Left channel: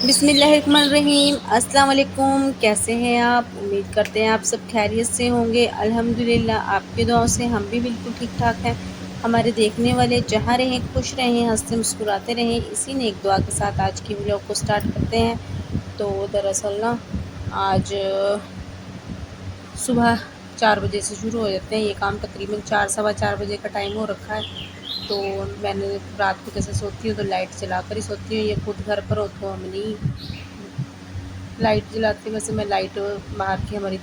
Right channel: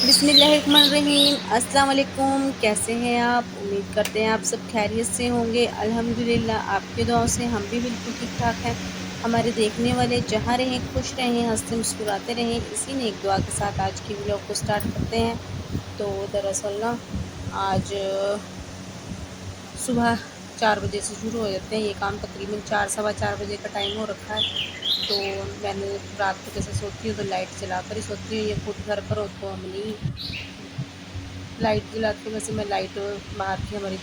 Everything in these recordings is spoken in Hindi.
बिस्मिल्लाहिर्रहमानिर्रहीम। अस्सलाम वालेकुम। कैसे हैं आप? उम्मीद करते हैं आप सब खैरियत से होंगे। अल्हम्दुलिल्लाह आपकी दुआओं से हम भी बिल्कुल ठीक ठाक हैं। हमारे देखने वाले जहाँ रहें खुश रहें, हंसते मुस्कुराते रहें, इसी नेक दुआ के साथ आज की वीडियो को स्टार्ट करते हैं। तो दरअसल ना आज सुबह 4 बजे से शुरू हो जाते हैं ये काम, तकरीबन 4 सवा 4 बजे का टाइम हो रखा है। तो मैंने रात को जैसे सोती हूँ तो लाइट जला कर ही सोती हूँ। ये खुद घर पर हो तो हम नहीं लाइट जलाती हूँ, वैसे मैं लाइट बाहर की हमारी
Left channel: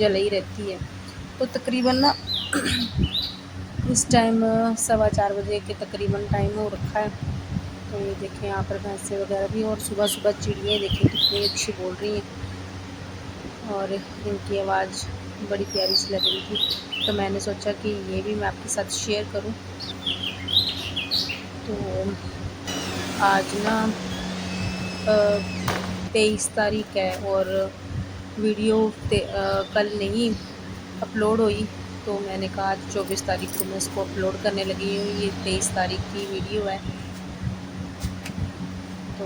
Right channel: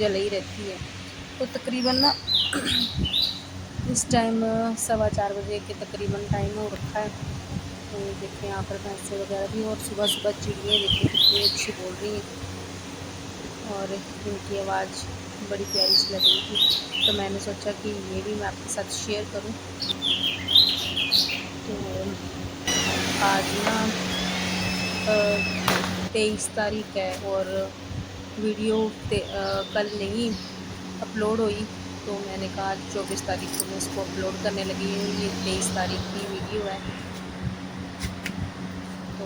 जल ही रहती है। तो तकरीबन ना इस टाइम सवा 4 बजे के तकरीबन टाइम हो रखा है। तो ये देखें यहाँ पर भैंसे वगैरह भी, और सुबह सुबह चिड़ियाँ देखें कितनी अच्छी बोल रही हैं और इनकी आवाज़ बड़ी प्यारी सी लग रही थी। तो मैंने सोचा कि ये भी मैं आपके साथ शेयर करूं। तो आज ना 23 तारीख है और वीडियो कल नहीं अपलोड हुई। तो मैंने कहा आज 24 तारीख को मैं इसको अपलोड करने लगी हूँ। ये 23 तारीख की वीडियो है। तो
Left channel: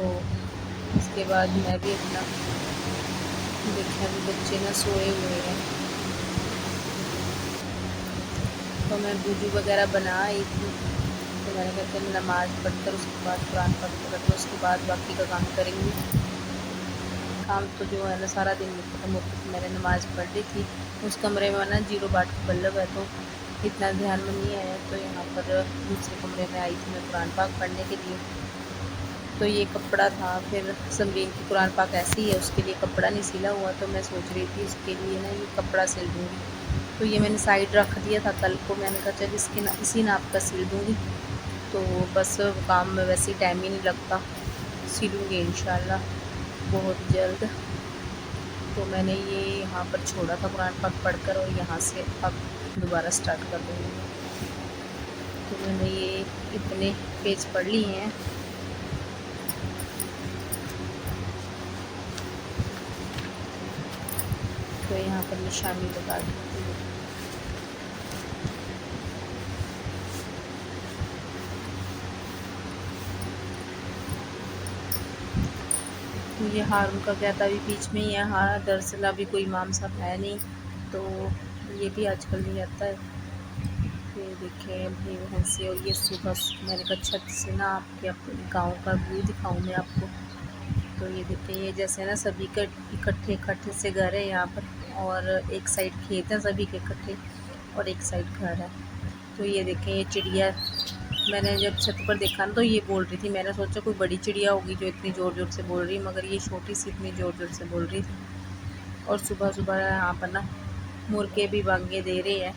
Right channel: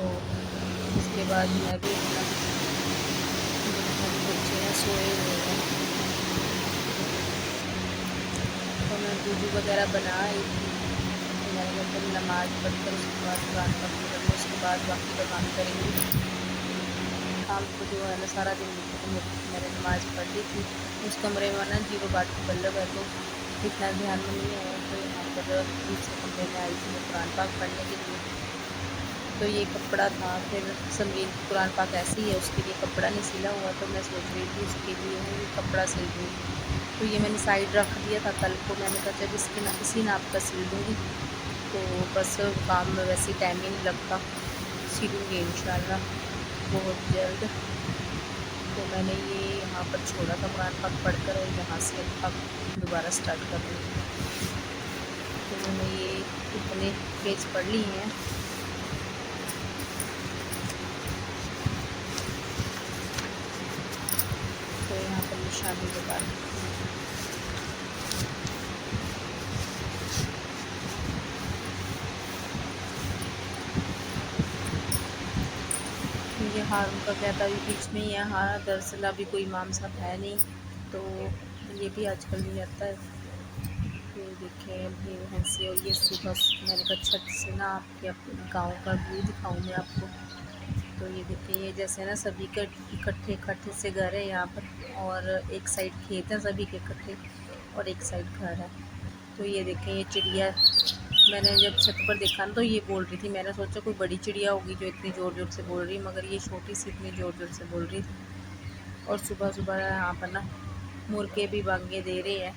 इसके बाद मैं भी अपना बच्चे हैं सोए हुए थे तो मैं वुज़ू वगैरह बना आई थी। तो मैंने कहा फिर नमाज़ पढ़कर उसके बाद कुरान पढ़ूँगी, उसके बाद बाकी का काम करेंगे। काम तो जो है ना सारा दिन मैंने नमाज़ पढ़ ली थी। उस कमरे में ना 0 वाट की बल्ब है तो इतना ध्यान में नहीं आया। तो यहाँ पर दूसरे कमरे में आई थी कुरान पाक पढ़ने के लिए। तो ये कपड़ा था, फिर संदीप कुरान पाक ऐसे ही है, उसके लिए कपड़ा नहीं सिला हुआ। तो मैं सोच रही थी उसके लिए ना ये कपड़ा सिल दूँ। तो ये मैंने साइड रख दिया था कल को। मैंने कहा चल इसके ना इसी नाप का सिल दूँगी। तो बस काम में वैसे टाइम ही नहीं लगता, सिलूँगी इंशाल्लाह बहुत जल्द। तो मैंने ये यहाँ पर छोड़ा था कुरान पाक पढ़कर और यहाँ से अब दोबारा स्टार्ट कर दूँगी। तो मैंने ये इतने पेज पढ़ लिए हैं। तो यहाँ पर निशानी बता दी। मुझे हारून का क्या था अभी बीच में ही है। हाँ दरअसल अभी कोई इमाम साहब है नहीं, तो ये भी आजकल नहीं आता है। ये देखें अपनी बहन से, और ये सुबह मैंने कहा छत से ना आपके अपने गांव का व्यू दिखाऊं मैं आपको। तो ये देखें ये जैसे ना सभी के इकट्ठे इकट्ठे से घर है यहाँ पर, और एक साइड खेत है सभी के इकट्ठे और एक साइड घर है। तो ये देखें ये चिड़िया, मैंने जब छत पर देखा ना तो ये बोल रही थी। मैंने सोचा कोई बड़ी चिड़िया होगी जो इतनी ज़ोर ज़ोर से बोल रही, मगर ये छोटी सी इतनी ज़ोर ज़ोर से बोल रही थी। और सुबह सुबह यहाँ पर ना मुर्गे भी बांगे दे रहे हैं।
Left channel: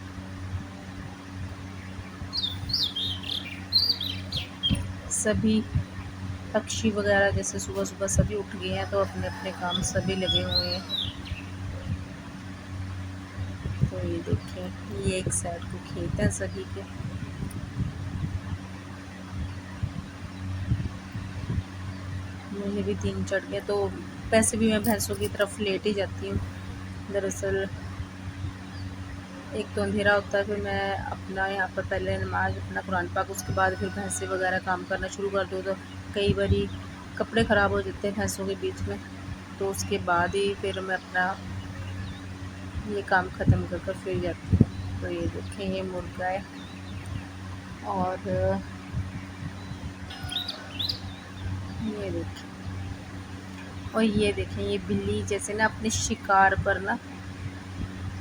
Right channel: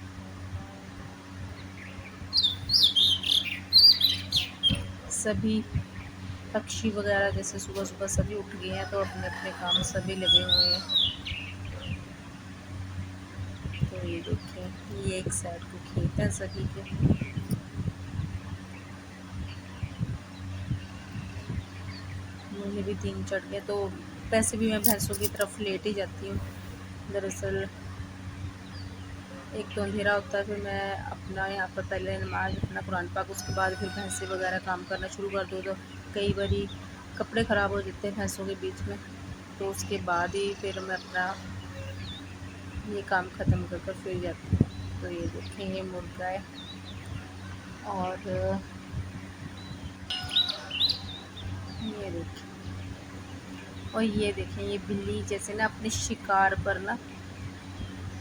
सभी पक्षी वगैरह जैसे सुबह सुबह सभी उठ गए हैं तो अपने अपने काम सभी लगे हुए हैं। तो ये देखिए ये एक साइड को खेत है सभी के। मुझे भी दिन चढ़ गया, तो वैसे भी मैं भैंसों की तरफ लेट ही जाती हूँ। दरअसल एक तो अंधेरा होता है, फिर मैं अपना यहाँ पर पहले नमाज अपना कुरान पाक, उसके बाद फिर भैंसे वगैरह काम करना शुरू कर दूँ। तो कई बारी कपड़े ख़राब हो जाते हैं भैंसों के बीच में, तो उसके बाद ही फिर मैं अपना ये काम ख़त्म कर कर फिर जाती हूँ। तो ये देखें ये मुर्गा है, और ये देखें, और ये देखें ये बिल्ली जैसे ना अपने शिकार पर ना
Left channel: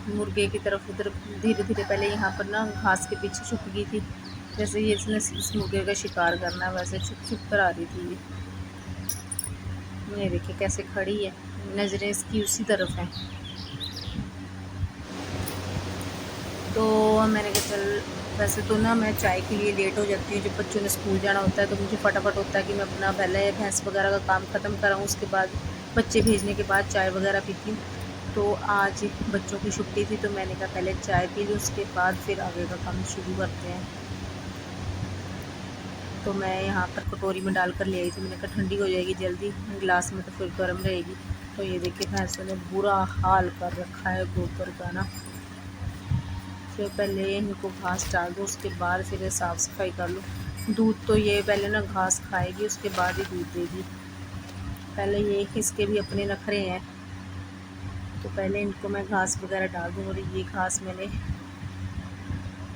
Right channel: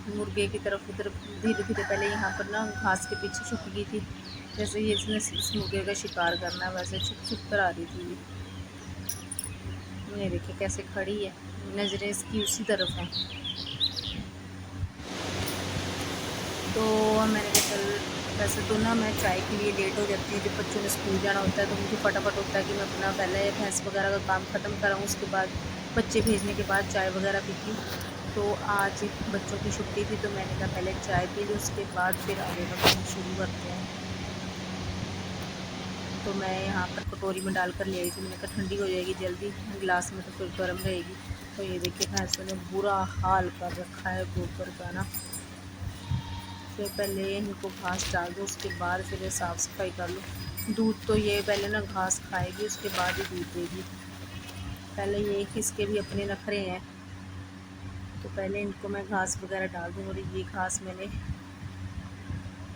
मुर्गे की तरफ उधर धीरे धीरे पहले यहाँ पर ना घास के पीछे छुप गई थी। जैसे ये इसने इस मुर्गे का शिकार करना है वैसे छुप छुप कर आ रही थी ये देखिए कैसे खड़ी है, नज़रें इसकी उसी तरफ हैं। तो मैंने कहा चल, वैसे तो ना मैं चाय के लिए लेट हो जाती हूँ जब बच्चों को स्कूल जाना होता है। तो मुझे फटाफट होता है कि मैं अपना पहले भैंस वगैरह का काम ख़त्म कराऊँ, उसके बाद बच्चे भेजने के बाद चाय वगैरह पीती हूँ। तो आज बच्चों की छुट्टी थी तो मैंने कहा पहले चाय पी लूँ, उसके बाद फिर आगे का काम शुरू करते हैं। तो मैं यहाँ पर कटोरी में डाल कर ले आई थी। मैंने कहा ठंडी हो जाएगी जल्दी, गिलास में तो फिर गर्म रहेगी। तो ये देखिए भैंसों ने बुरा हाल कर रखा है गोबर का ना। फिर पहले इनको घास डाल दो, उसके बाद फिर साफ़ सफाई कर लो। दूध तो ये पहले ना घास खाएगी, उसके बाद ही दूध देगी। पहले ये इसके भी अपने नखरे हैं, तो पहले इनको मैं घास वगैरह डाल दूँ। और ये घास मैंने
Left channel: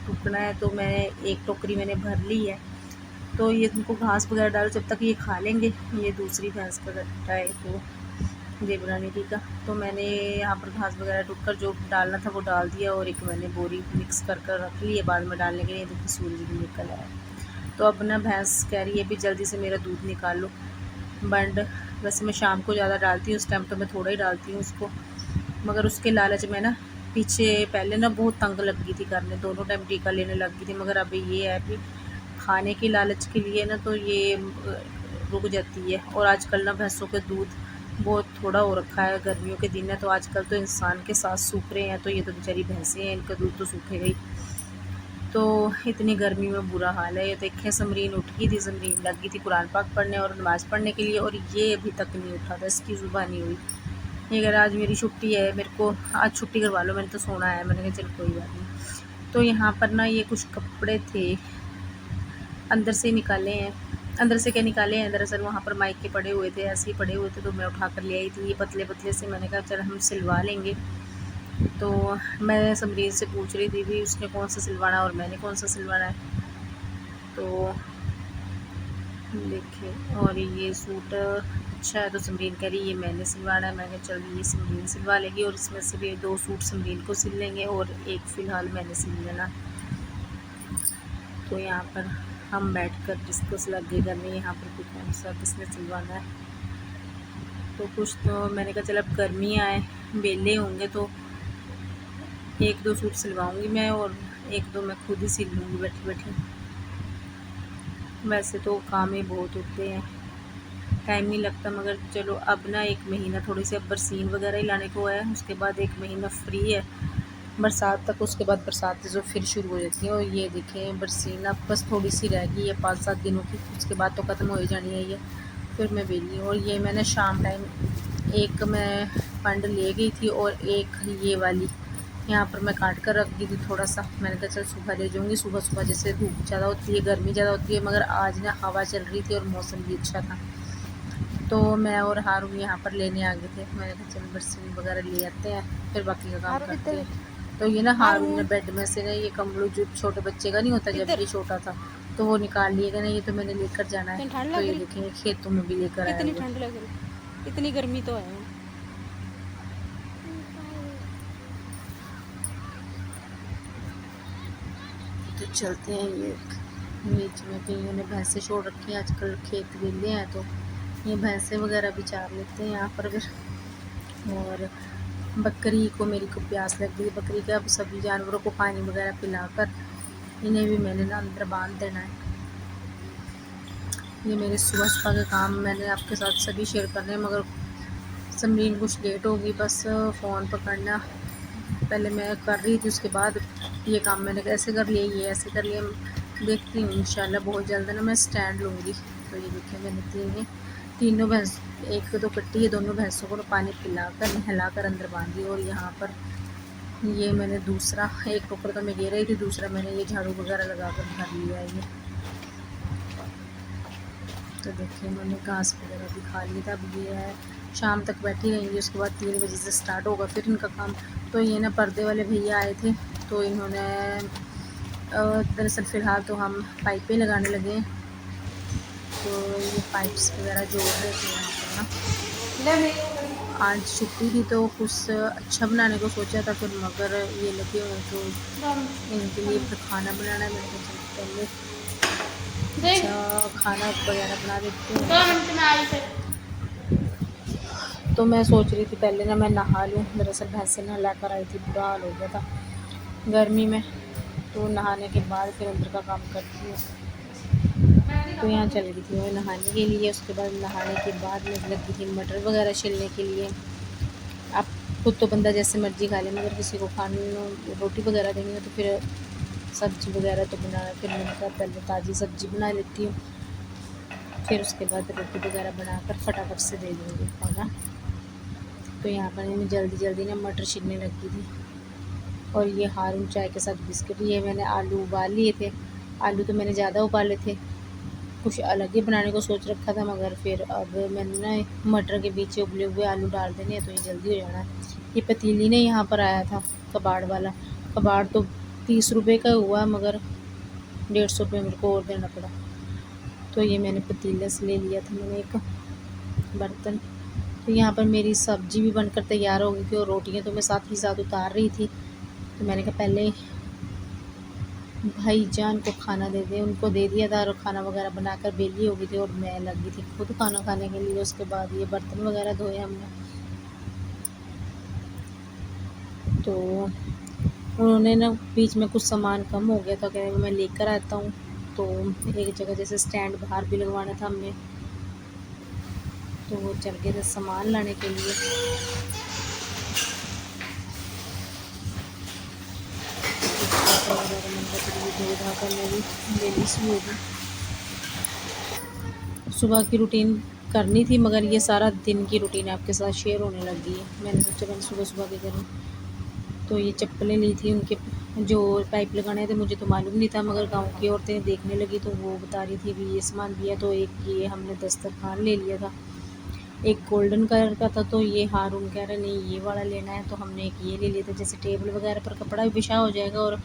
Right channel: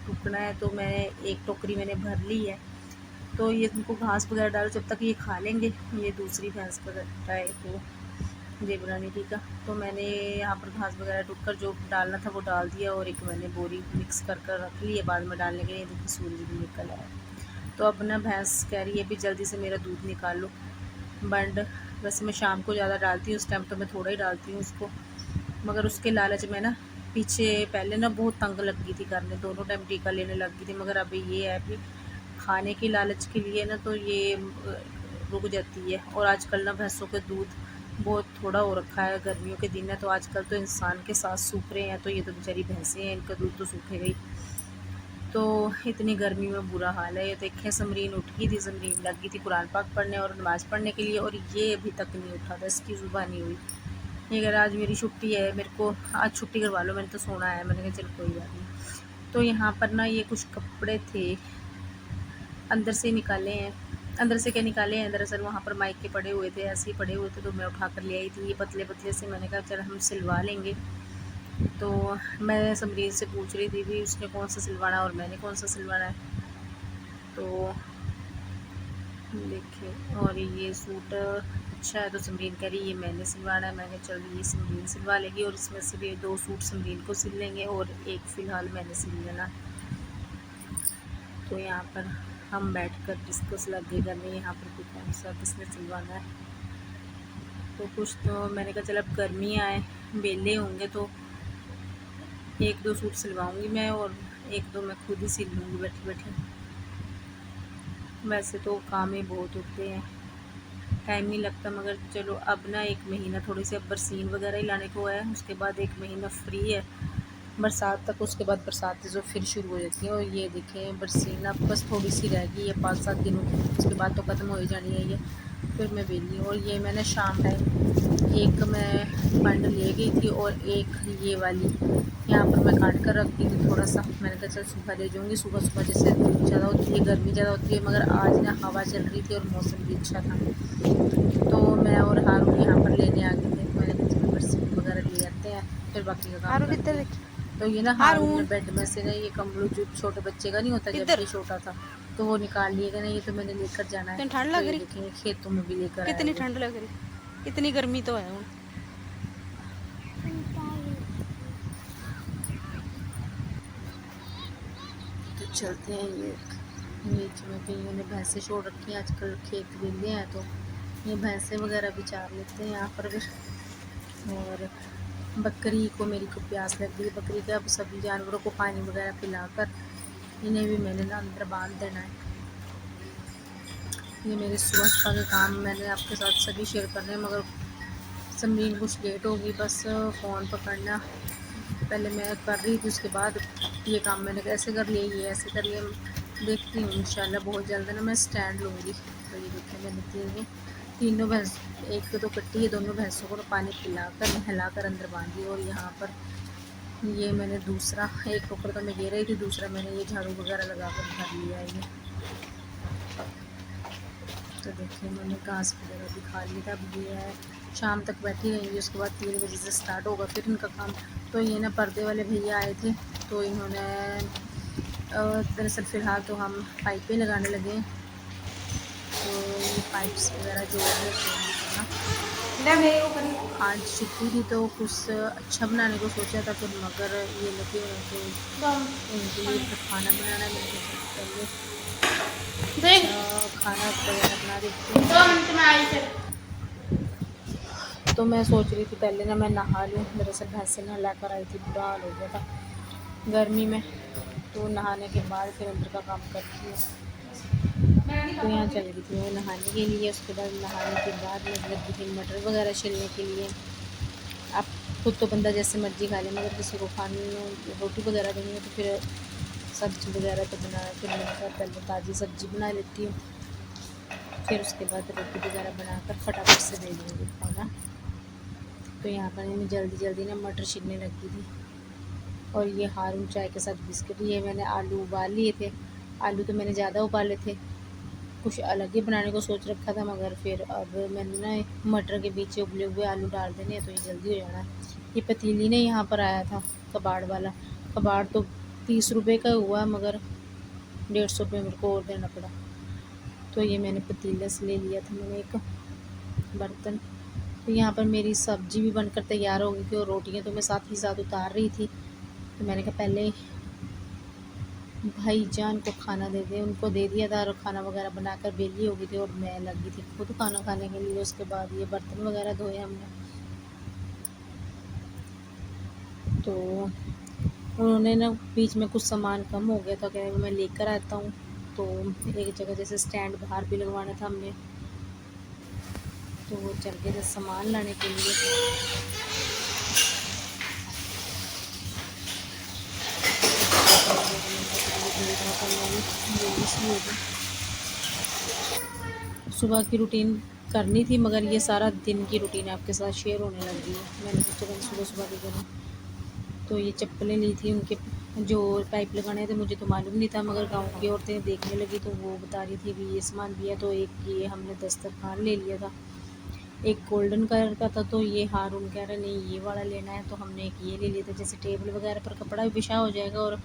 टुकना है, तो मैंने एक टोकरी मैंने भर ली है। तो ये इनको घास वगैरह डालो, जब तक ये खा लेंगे। ये दूसरी भैंस का गट्टा है तो ये बनाने का, तो मैंने यहाँ पर घास वगैरह टूट कर जो डालना था वो डाल दिया, और एक मैंने बोरी मिक्स कर कर रख ली है बाद में डालने के लिए। देखिए सूरज भी निकल आया। तो अब ना भैंस कह रही है भी जल्दी से मेरा दूध निकालो। बंड वैसे मैं शाम को ज़्यादा डालती हूँ, उस टाइम तो मैं थोड़ा ही डालती हूँ उसको, मगर उसके लालच में ना पीछे पहले ना बहुत तंग लग गई थी करने, दोनों टाइम टीका लेने लग गई थी। मगर अब ये है कि खाने की लालच के लिए ना तो ये रुक जाती है। और आजकल ना भैंसों के दूध बहुत थोड़ा हो रखा है, गर्मियों के दिन है तो आजकल तो इंसान के साथ सूख रहे हैं, तो ये तो बेचारी भैंसें हैं, इनका दूध तो सूखेगा ही। तो इतनी गर्मी में बुरा हाल है। ये देखिए समरीन उठ गई थी, समरीन लग गई थी कुरान पाक पढ़ने और नमाज़ पढ़ने के लिए, और ये अभी तक नहीं उठा था, इसकी ज़ुबान नहीं हुई। ये कह रहा आज मेरी छुट्टी है, मेरे को आज छुट्टी करवा लो, मैंने तो सोना है। मैंने कहा चल कोई बात नहीं। तो यहाँ पर ना ये कुछ कपड़े थे, अंदर से निकाले हैं। अंदर से क्या निकाले हैं, दरअसल वहाँ पर माइक के पड़े हुए थे, ऐसे ही पड़े हुए थे, तो मैं उठा कर ले आई थी। ये पतले पतले से मैंने कहा चल हम सिलवा लेंगे। तो मैं समरीन से पूछ रही थी भी उसने कौन सा सिलवाना और मैंने कौन सा सिलवाना है। तो देखिए, और ये सूट अच्छा है तो समरीन कह रही ये मैंने सिलवाना है। मैंने चल ये समरीन सिलवा लेगी, और इसमें से भी 2 सूट समरीन को सिल लेंगे और एक फ़िलहाल मैंने सिल लेना। तो यहाँ पर हम बैठ कर डिस्कस लगे करने यहाँ पर कुछ कौन सा किसने सिलवाना है। तो कुछ तो मैंने कहा चल अब गर्मियाँ आए, वेले होंगे तो 1-2 सूट सिलवाऊंगी मैं, और 1-2 मैं खुद ही सिल लूँगी बैठी बैठी। वैसे तो काम ही बहुत होते हैं, टाइम नहीं लगता, मगर चलो अब ना 1 महीना थोड़ी सी अब बरसीन वगैरह ही लाने को है, उसके बाद 1 महीना फ्री है बरसात तक। उसके बाद बरसात जो फिर शुरू हो जाती है। और ये देखें बरसीन अब बस थोड़ी सी रह गई है 5-7 दिनों की, उसके बाद तो ख़त्म हो ही जानी है ये, फिर मैं वेली। और ये मैंने शाम टाइम एक मैं बंड ले गई थी, और एक ये वाली यहाँ पर मैं काट कर रखती थी थोड़ा सा। मैंने कहा चल सुबह ले जाऊँगी, सुबह सुबह जैसे धूप ज़्यादा होती है, गर्मी ज़्यादा होती है, मगर आज ना हवा चल रही थी और मौसम भी अच्छा था, तो मैं और हारून यहाँ पर लेने आ गए थे। मैंने कहा चल बरसीन वगैरह ले आते हैं, फिर बाकी का काम करते हैं। तो ये ना हारून ने बेड में से ना ये कम्बल जो छोटे बच्चे का नहीं होता जब ये छोटा था, तो वो निकाल लिएगा ना, ये तो मैंने लेकर जाना है। ठंड लग रही है, खेतों में भी लेकर कितनी ठंड लग रही, इतनी गर्मी तो है। तो चलते हैं, ये बीच में कईयों ने भैंसें छोड़ रखी हैं, आजकल खेत वेले हैं तो ये भैंसें वगैरह भी चार लेते हैं यहाँ पर अगर। और बकरी को मेरी को प्यास लग गई, बकरी के अब सभी जानवरों को पानी वगैरह पिलाकर इन्हें भी मैंने ना अंदर बांध देना है। ये मेरे सुबह सुबह के काम मैंने आपके साथ सभी शेयर करने हैं, मगर समरीन कुछ लेट होगी, बस फ़ोन पकड़ना पहले मैं कर रही थी, उसके बाद ये काम मैंने कैसे कर लिया, ये ऐसे कर लिया। देखती हूँ इंशाल्लाह बहुत जल्द ना मैं स्टैंड लूँगी। तो ये देखिए मैंने तीनों भैंस, एक तो कट्टी है, दोनों भैंसों को पानी पिलाकर नहलाकर अंदर बांध दी। और यहाँ पर ये मैंने दूसरा एक टोकर तो मैं ले रही थी, दूसरा मैंने ये झाड़ू वगैरह लगा कर भर लिया है ये। तो देखिए मैंने घास वगैरह भी खा ली था। अब ये है शाम तक बैठी रहेंगी, उसके बाद 3 बजे से स्टार्ट होगा फिर इनका काम। तो ये ना पर्दे वाले भैया आए थे, तो इन्होंने दरअसल फ़िलहाल तो हम पाइपें लगाने लगे हैं, तो ये पाइप्स वगैरह जो है आज छुट्टी थी तो कुछ अच्छा बनाने को सोचा था, फिर मगर ये लगे उनको इनके लिए तो खाना बनाना खाना वगैरह बना रही थी। तो मैं सोच रही थी पहले ना मैं नहा लूँ, दरअसल भैंसे नहला कर आई थी, बुरा हाल हो गया था गर्मी में, तो नहाने के बाद फिर अंदर का काम करती हूँ। तो यहाँ चल गई थी वो नहाने के लिए, उसके बाद नहाने के बाद मैं लगी थी मटर वगैरह छिलने के लिए। आप खुद तो बंदा जैसे मर्जी खा ले, मगर किसी को खाने रोटी वगैरह देनी है तो फिर सब्ज़ी वगैरह तो बनाना, फिर मैंने कहा पहले ताज़ी सब्ज़ी बना लेती हूँ, फिर उसके बाद रोटी वगैरह बनाकर फटाफट से दे दूँगी खाना। तो यहाँ पर मैं जल्दी जल्दी ना मटर छिलने लगी थी। और ये हारून चाय के साथ बिस्किट, ये मैंने आलू उबाल लिए थे, आलू तो मैंने ज़्यादा उबाले थे, कुछ अलग ही बनाने को सोच रखा था, मगर फिर अब मैंने ना मटर के बीच उबले हुए आलू डाल देने हैं तो ये जल्दी हो जाना है। ये पतीली ने यहाँ पर आया था कबाड़ वाला, कबाड़ तो 30 रुपये का हुआ मगर 150 रुपये मेरे को और देना पड़ा। तो ये मैंने पतीले से ले लिया था मैंने एक बर्तन। तो यहाँ पर मेरी सब्जी भी बनकर तैयार हो गई थी और रोटियाँ तो मैं साथ ही साथ उतार रही थी। तो मैंने कहा पहले भाईजान को खाना दे दें, उनको दे दिया था और खाना वगैरह बनाकर बेली हो गई थी और मैं लगी थी खुद खाना खाने के लिए। उसके बाद ये बर्तन वगैरह धोए हमने। तो उन्होंने ना बीच में कुछ सामान कम हो गया था, कह रहे मैं लेकर आता हूँ। तो एक जगह जैसे स्टैंड बाहर भी लगवाना था हमने, तो वो चल गए थे सामान लाने के लिए। सुबह की रूटीन करनी थी मगर ये सारा दिन की रूटीन आपके साथ शेयर होने लगी है। मैंने सोचा मैंने सुबह सुबह की करूँ। तो ये चप्पलें ली थी, उनके जो पाइप लगाने थे मुझे तो मालूम नहीं था, मगर गांव की औरतें देखने लगी तो वो बता रही थी भी ये सामान दिया। तो एक ये हमने दस्तरखान ले लिया था, एक गोल्डन कलर का था, तो ये हारून कह रहा नहीं ये वाला लेना है, तो हमने एक ये ले लिया था। जैसे टेबल वगैरह पर कपड़ा भी बिछा हो जाएगा और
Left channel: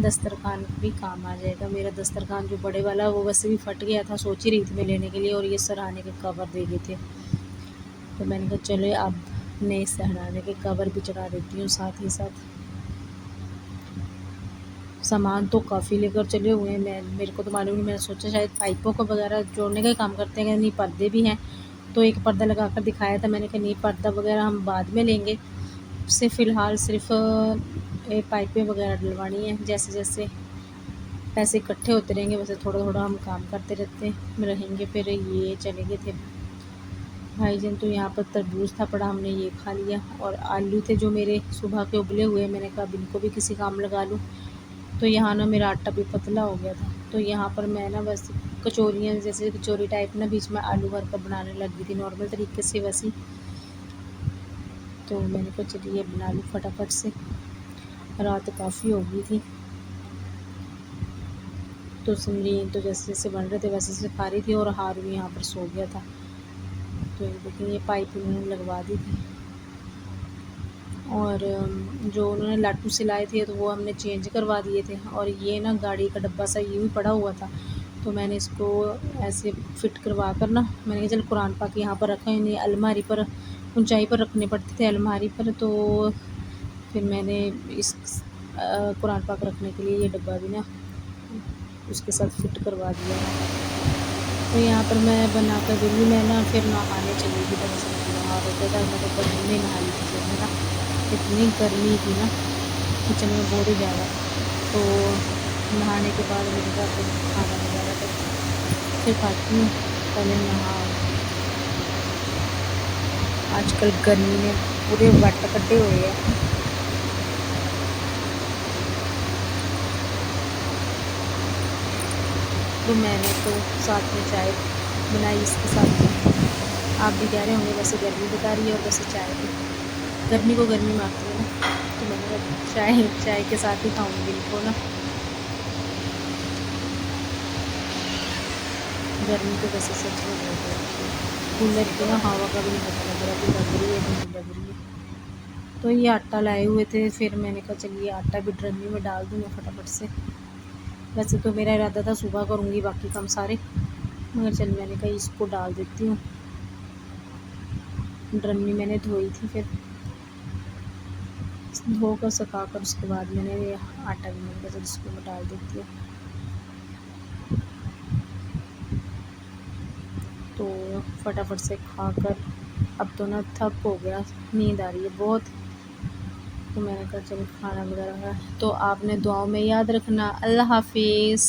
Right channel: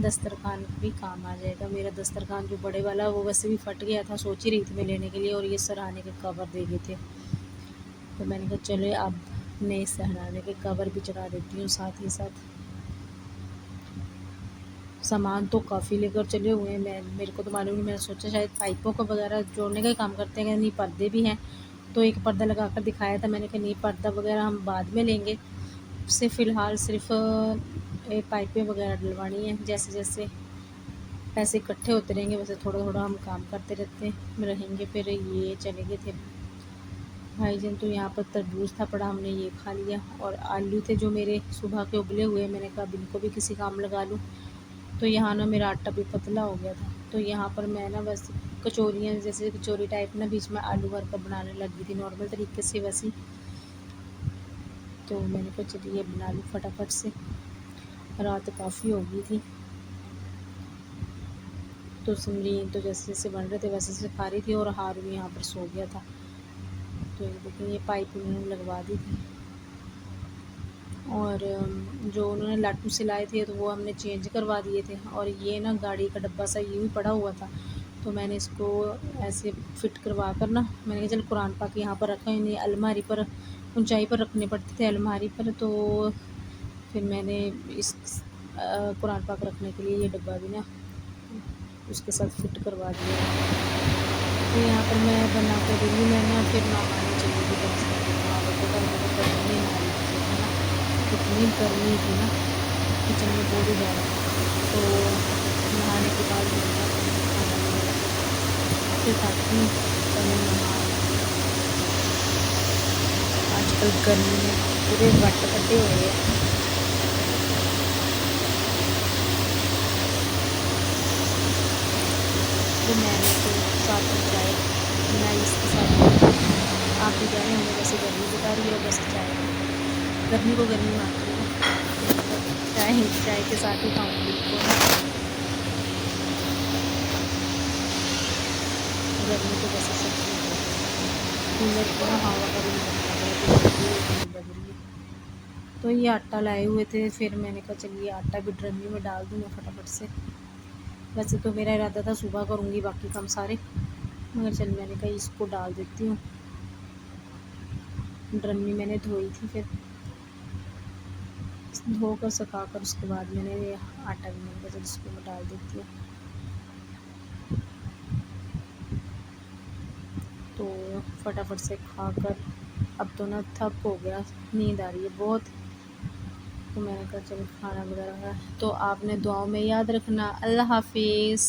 दस्तरखान भी काम आ जाएगा। मेरा दस्तरखान जो बड़े वाला वो वैसे भी फट गया था, सोच ही रही थी मैं लेने के लिए, और ये सराहने के कवर दे गए थे। तो मैंने कहा चलो अब नए सराहने के कवर भी चढ़ा देती हूँ साथ ही साथ। सामान तो काफ़ी लेकर चले हुए हैं, मेरे को तो मालूम नहीं, मैंने सोचा शायद पाइपों को वगैरह जोड़ने का ही काम करते हैं। नहीं, पर्दे भी हैं, तो एक पर्दा लगा कर दिखाया था। मैंने कहा नहीं पर्दा वगैरह हम बाद में लेंगे, उससे फ़िलहाल सिर्फ पाइपें वगैरह डलवानी है। जैसे जैसे पैसे इकट्ठे होते रहेंगे वैसे थोड़ा थोड़ा हम काम करते रहेंगे। फिर ये चले गए थे भाईजान, तो यहाँ पर तरबूज था पड़ा, हमने ये खा लिया। और आलू थे जो मेरे सुबह के उबले हुए, मैंने कहा इनको भी किसी काम लगा लूँ। तो यहाँ ना मेरा आटा भी पतला हो गया था, तो यहाँ पर मैं ना बस कचौरियाँ जैसे कचौरी टाइप ना बीच में आलू भर कर बनाने लग गई थी नॉर्मल तरीके से वैसी। तो मैंने कहा चलिए बना लूँ फटाफट से, रात काफ़ी हो गई थी। तो समलीन तो जैसे जैसे बन रहे थे वैसे जैसे खा रही थी और हारून यहाँ पर सो गया था। तो ये देखिए ये पाइप उन्होंने लगवा दी थी, और जो उन्होंने लाटू सिलाए थे तो वो हमने चेंज करवा दिए थे। और ये ना गाड़ी का डब्बा सा यूँ ही पड़ा हुआ था, तो मैंने इसको ऐसे फिट करवा कर ना मैंने कहा चल कुरान पाक यहाँ पर रखा, नहीं अलमारी पर ऊंचाई पर रखने पड़ते थे अलमारी पर। तो फिर मैंने इस कुरान पाक रखने के लिए ये डब्बा भी ना उसके साथ फिट करवा दिया। तो यहाँ पर मैं बना कर दूँगी, मैं ना फिर नहाने चली गई इतनी गर्मी थी ना किचन में बहुत ही ज़्यादा। तो नहाने के बाद मेरे पास खाना बनाया फिर खाती हूँ पहले नहा। आजकल गर्मी में पूरे बट कटे हुए हैं। तो मैंने तो साथ में चाय बनाई इसके साथ। आप भी कह रहे होंगे वैसे गर्मी बता रही हो वैसे चाय, गर्मी को गर्मी मारती हूँ, चाय के साथ ही खाऊँगी बिल्कुल। गर्मी को वैसे से कूलर की हवा का भी लग रही है। तो ये आटा लाए हुए थे, फिर मैंने कहा चलिए आटा भी ड्रमी में डाल दूँ मैं फटाफट से। वैसे तो मेरा इरादा था सुबह करूँगी बाकी काम सारे, मगर चल मैंने कहा इसको डाल देती हूँ। ड्रमी मैंने धोई थी, फिर धोकर सुखा कर उसके बाद मैंने आटा भी मैंने कहा इसको मैं डाल देती हूँ। तो फटाफट से खाकर अब तो ना थक हो गया, नींद आ रही है बहुत। तो मैंने कहा चलो खाना वगैरह है। तो आपने दुआओं में याद रखना। अल्लाह हाफिज़।